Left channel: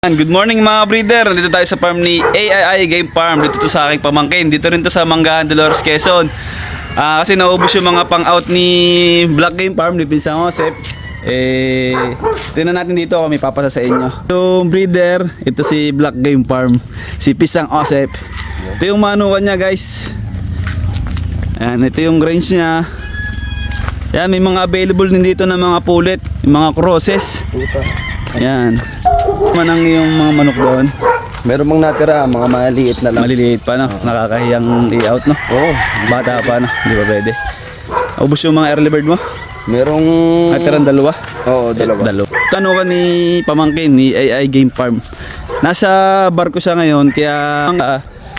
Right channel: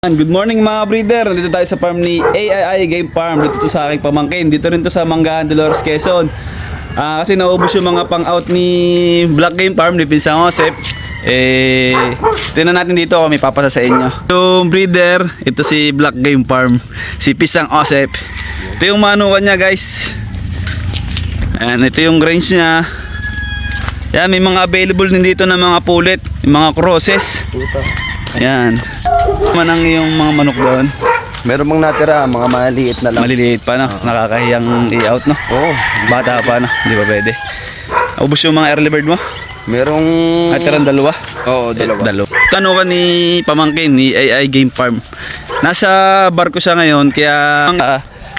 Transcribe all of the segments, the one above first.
Good morning mga breeder. Dito tayo sa farm ni AII Game Farm. Dito to sa aking pamangkin. Dito rin to sa Manggahan, Dolores, Quezon. Kasi naubos yung mga pang-out ni Black Game Farm ni Pinsang Josep. Tingnan natin dito kung may papasa sa inyo. Yung breeder, ito si Black Game Farm, si Pinsang Josep. Ito yung manukan niya, guys. Ayan, ito yung range niya. Ayan, may mga available din dito na mga pulit, yung mga crosses. Ayan. Manang yung mga manok doon. Meron mang natira, mga maliit na lang. Maliliit pa, no? Nakakahiyang i-out, no? Oo. Bata pa, no? Hindi ba pwede? Ubus yung mga early bird mo? Merong... Atiran dalawa? Oo, dalawa. Tanong ka ni pamangkin ni AI Game Farm. Nasa barko siya ngayon, kaya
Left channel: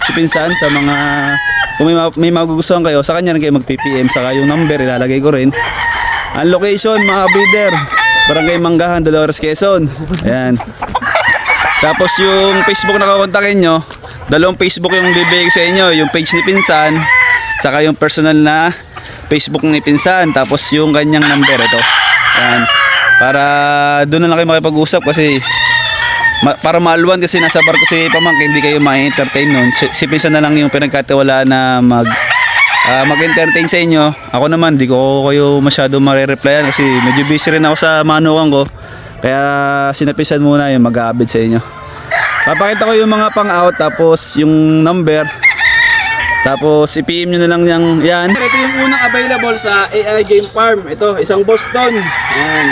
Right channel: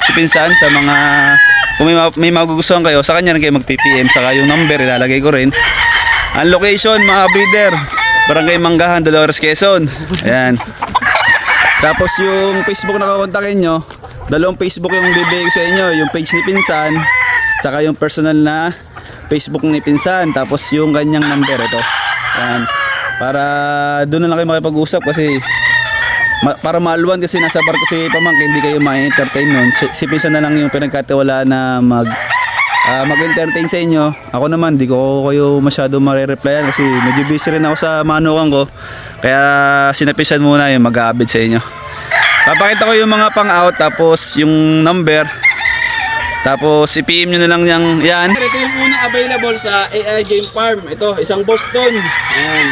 si Pinsan sa mga... Kung may magugustuhan kayo, sa kanya rin kayo mag-PPM. Saka yung number, ilalagay ko rin. Ang location, mga breeder, Barangay Manggahan, Dolores, Quezon. Ayan. Tapos yung Facebook na kakontakin nyo, dalawang Facebook yung bibigay sa inyo. Yung page ni Pinsan, saka yung personal na Facebook ni Pinsan. Tapos yung kanyang number, ito. Ayan. Para doon na lang kayo makipag-usap kasi para maaluan kasi nasa barko si pamangkin, hindi kayo ma-entertain nun. Si Pinsan na lang yung pinagkatiwalaan na mag-entertain sa inyo. Ako naman, di ko kayo masyado mare-replyan kasi medyo busy rin ako sa manukan ko. Kaya sinapisan muna yung mag-aabid sa inyo. Papakita ko yung mga pang-out, tapos yung number. Tapos i-PM nyo na lang yan. Ito yung unang available sa AI Game Farm. Ito, isang Boston. Ayan.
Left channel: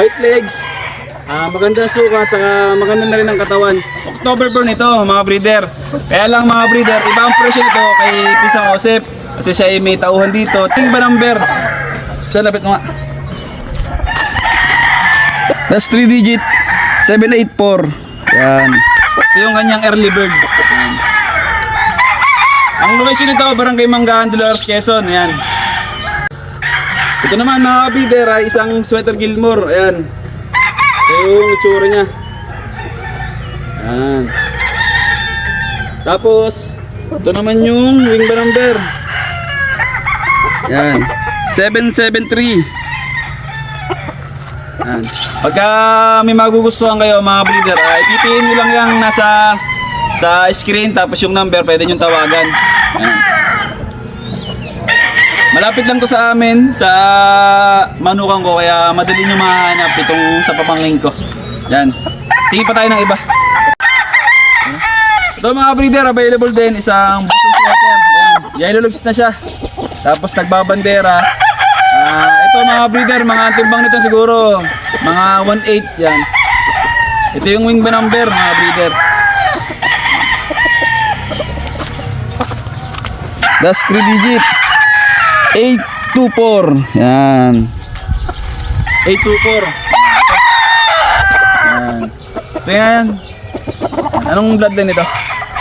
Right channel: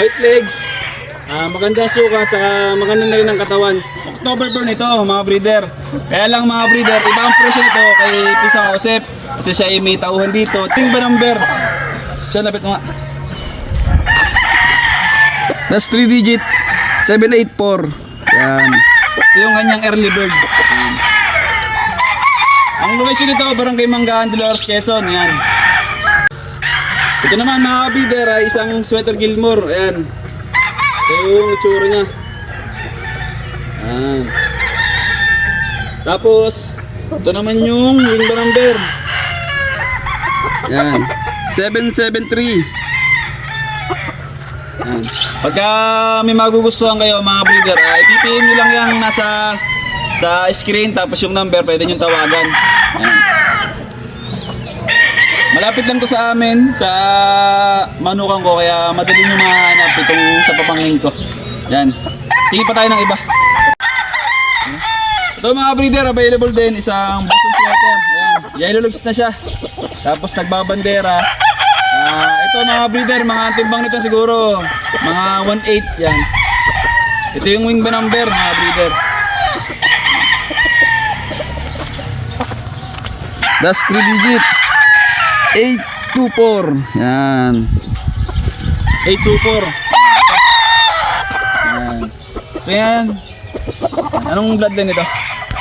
White legs. Magandang sukat, saka maganda na rin ang katawan. October born ito, mga breeder. Kaya lang mga breeder, iba ang presyo nito kay Pinsang Josep. Kasi siya ay may tauhan dito. Ting ba number? Saan lapit mo nga? That's 3 digit 784. Yan. Ito yung kanyang early bird. Yan. Ang location nito, Barangay Manggahan, Dolores, Quezon. Yan. Ito naman mga breeder ay isang Sweater Gilmore. Ayan. Ito yung itsura niya. Yan. Tapos ito naman yung wing ba number. Yan. 773. Yan. Pagka may magugustuhan kayo mga breeder, i-PPM nyo lang yung nasa sa screen, tapos yung number pwede nyo tawagan. Yan. Malapit lang to sa amin, sa manukan ko, kaya madali nyo mahanap itong sa papangin ko. Yan. Tingin pa tayo ng iba. Yan. Ito mga breeder, available din isang Boston sweater. Ayan. Yellow lugs na siya. Tapos nagbabandera. Ito mga breeder, mga timbang nito siguro mga 1/8 yan. Ito yung wing ba number mga breeder. That's 3 digit 824. Yan. 824. Yan. Ito yan. Anong bloodline ito?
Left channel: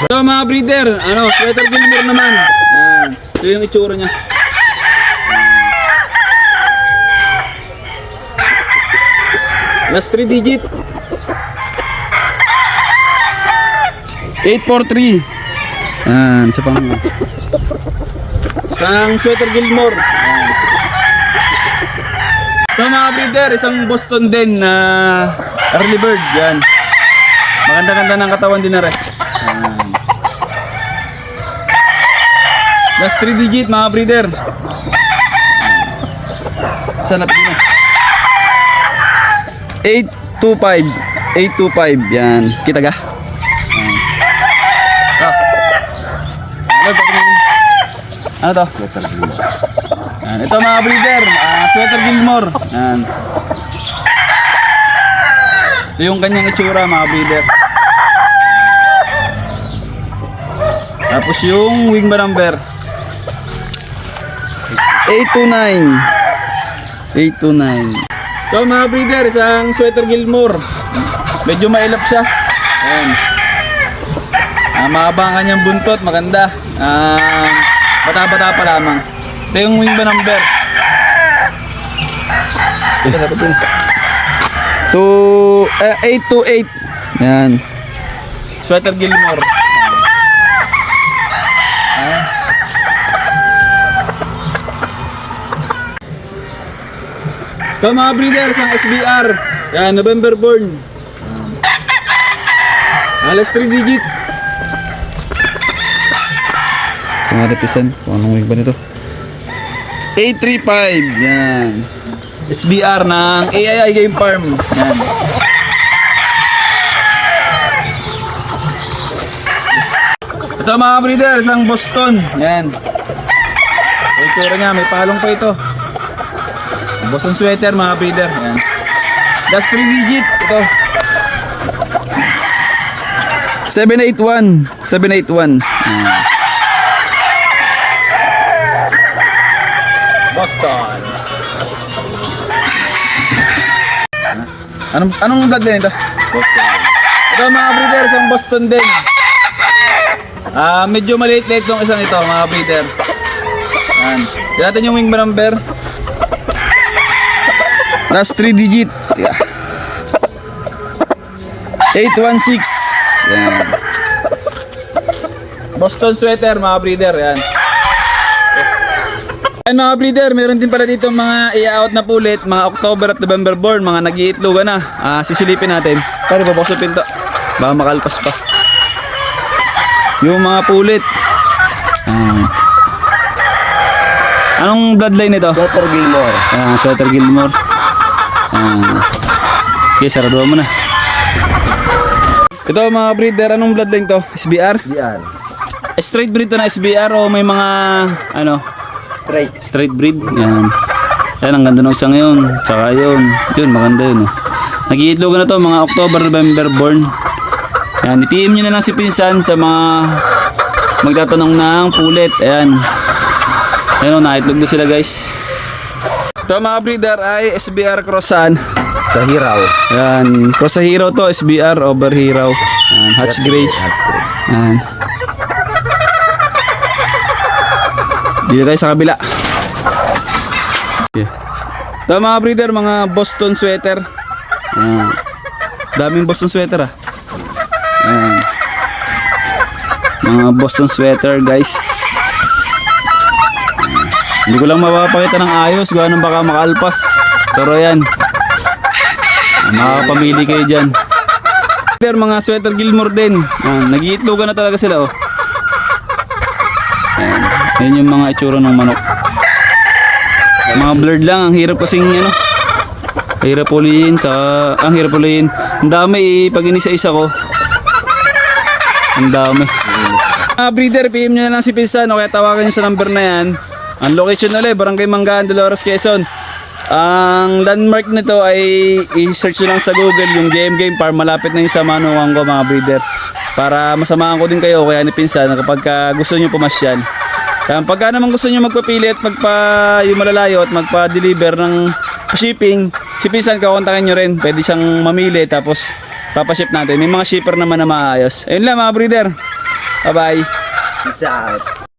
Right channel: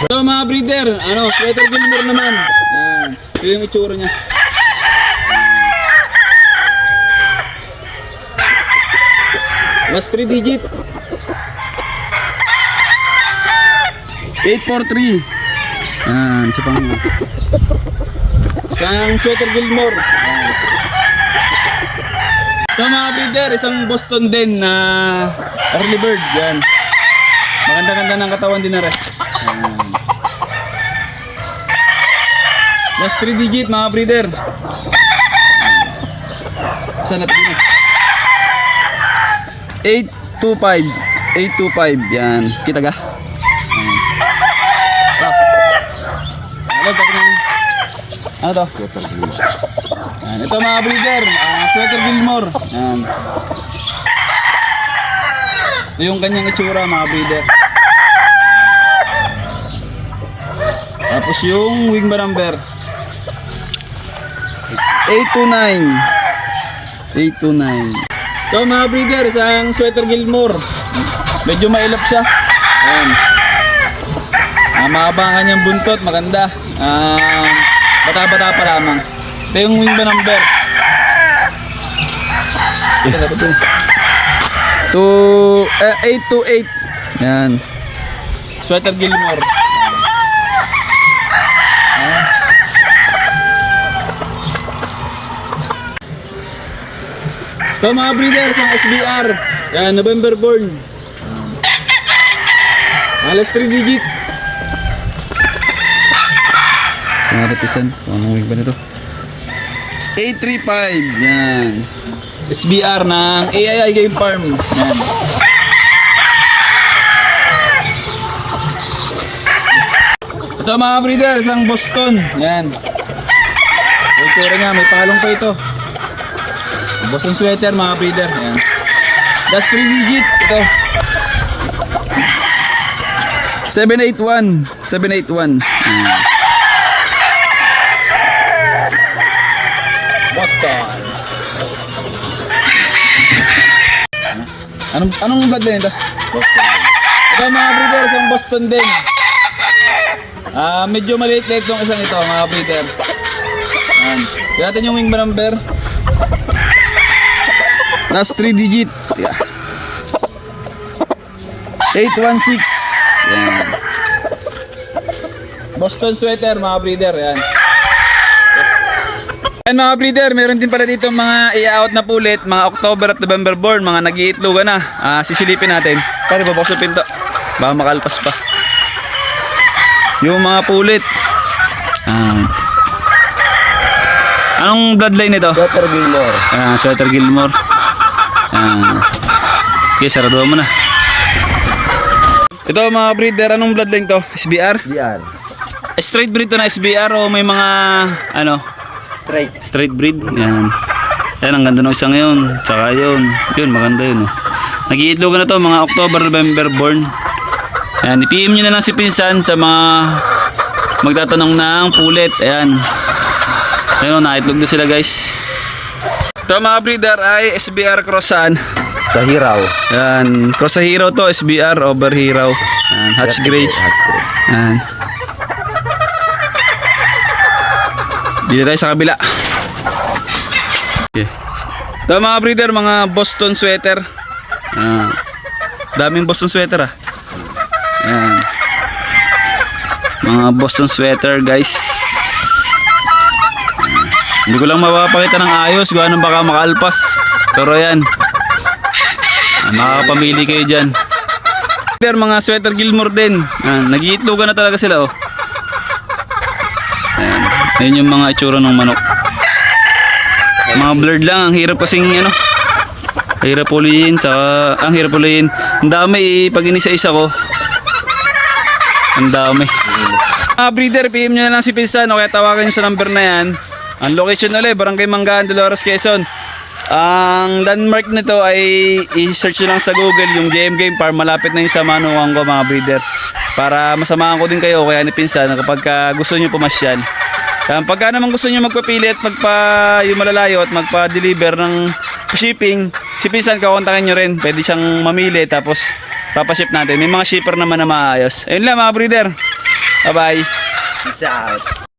Ito mga breeder, Sweater Gilmore naman. Yan. Ito yung itsura niya. Last 3 digit 843. Yan, isa pang isang Sweater Gilmore. Yan. Ito mga breeder, isang Boston din na early bird. Yan. Maganda-ganda ng katawan din na rin. Yan. Last 3 digit mga breeder. Saan natin din 825. 825. Yan. Kita ka? Ano to? Yan. Ito mga breeder, Sweater Gilmore. Yan. Ito yung kanyang itsura mga breeder. Tapos yung wing ba number 829. 829. So mga breeder, isang Sweater Gilmore. Medyo mailap siya. Ayan. Mahaba ang kanyang buntot, maganda. Bata-bata pa lamang. Ito yung wing ba number 828. Ayan. Sweater Gilmore. Ayan. Ito mga breeders, ang SBR. Yan, November born. Alas 3 digit. Ito nga repisan. Kung anong wing ba nito? 835. Yan. SBR ng AII Game Farm. Yan. Ito mga breeder, isang Boston. Yan. May itsura niya, may palong pa ito. Boston sweater mga breeder. Yan. That's 3 digit. Ito. 781. 781. Yan. Boston. Anong blood din ito? Boston. Ito mga breeder, isang Boston din. Medyo maliit-liit tong isang ito mga breeder. Yan. Tignan natin yung wing number. Last 3 digit. Yeah. 816. Yan. Boston sweater mga breeder. Yan. Ayan mga breeder, meron din pala dito mga i-out na pulit, mga October at November born, mga nag-iitlogan na. Sisilipin natin. Tara, babakos sa pinto. Baka makalpas pa. Yung mga pulit. Anong bloodline nito? Dr. Gilmore. Sweater Gilmore. Okay, sarado mo na. Ito mga breeder, anong bloodline to? SBR? Yan. Straight breed to na SBR o may mga ano? Straight. Straight breed. Yan. Yan, ang ganda ng isa ngayon. Tsaka yun. Yun, maganda yun. Nag-iitlogan na to mga October, November born. Yan, i-PM nyo na lang si Pinsan sa mga magtatanong ng pulit. Ayan. Ayan, naitlog na sila guys. Ito mga breeder ay SBR Crossan. Sa Hiraw. Ayan, Cross sa Hero to, SBR over Hero. Ayan, Hatch Gray. Ayan. Dito tayo sa kabila. Okay. Ito mga breeder, mga Boston sweater. Daming Boston sweater ah. Ayan. Mga Boston sweater guys. Hindi ko lang mapapakita ng ayos, gawa ng baka makalpas. Pero yan, makakapamili kayo dyan. Mga sweater Gilmore din. Nag-iitlogan na talaga sila oh. Ayan. Ayan yung mga itsura ng manok. Mga blurred lang, ang hirap kasing ano. Hirap ulihin, tsaka ang hirap ulihin. Ang dami pag inisa-isa ko. Ang dami. Breeder, PM nyo na lang si Pinsan o kaya tawagan nyo sa number na yan. Ang location ulit, Barangay Manggaan, Dolores, Quezon. Ang landmark nito ay i-search nyo lang sa Google yung JM Game Farm. Malapit na yung sa manuwang ko mga breeder. Para masamahan ko din kayo kaya ni Pinsan kapag gusto nyo pumasyal. Pagka naman gusto nyo magpapili at yung malalayo at magpa-deliver ng shipping, si Pinsan kakontakin nyo rin. Pwede siyang mamili tapos papaship natin. May mga shipper naman na maayos. Ayun lang mga breeder. Bye bye. Peace out.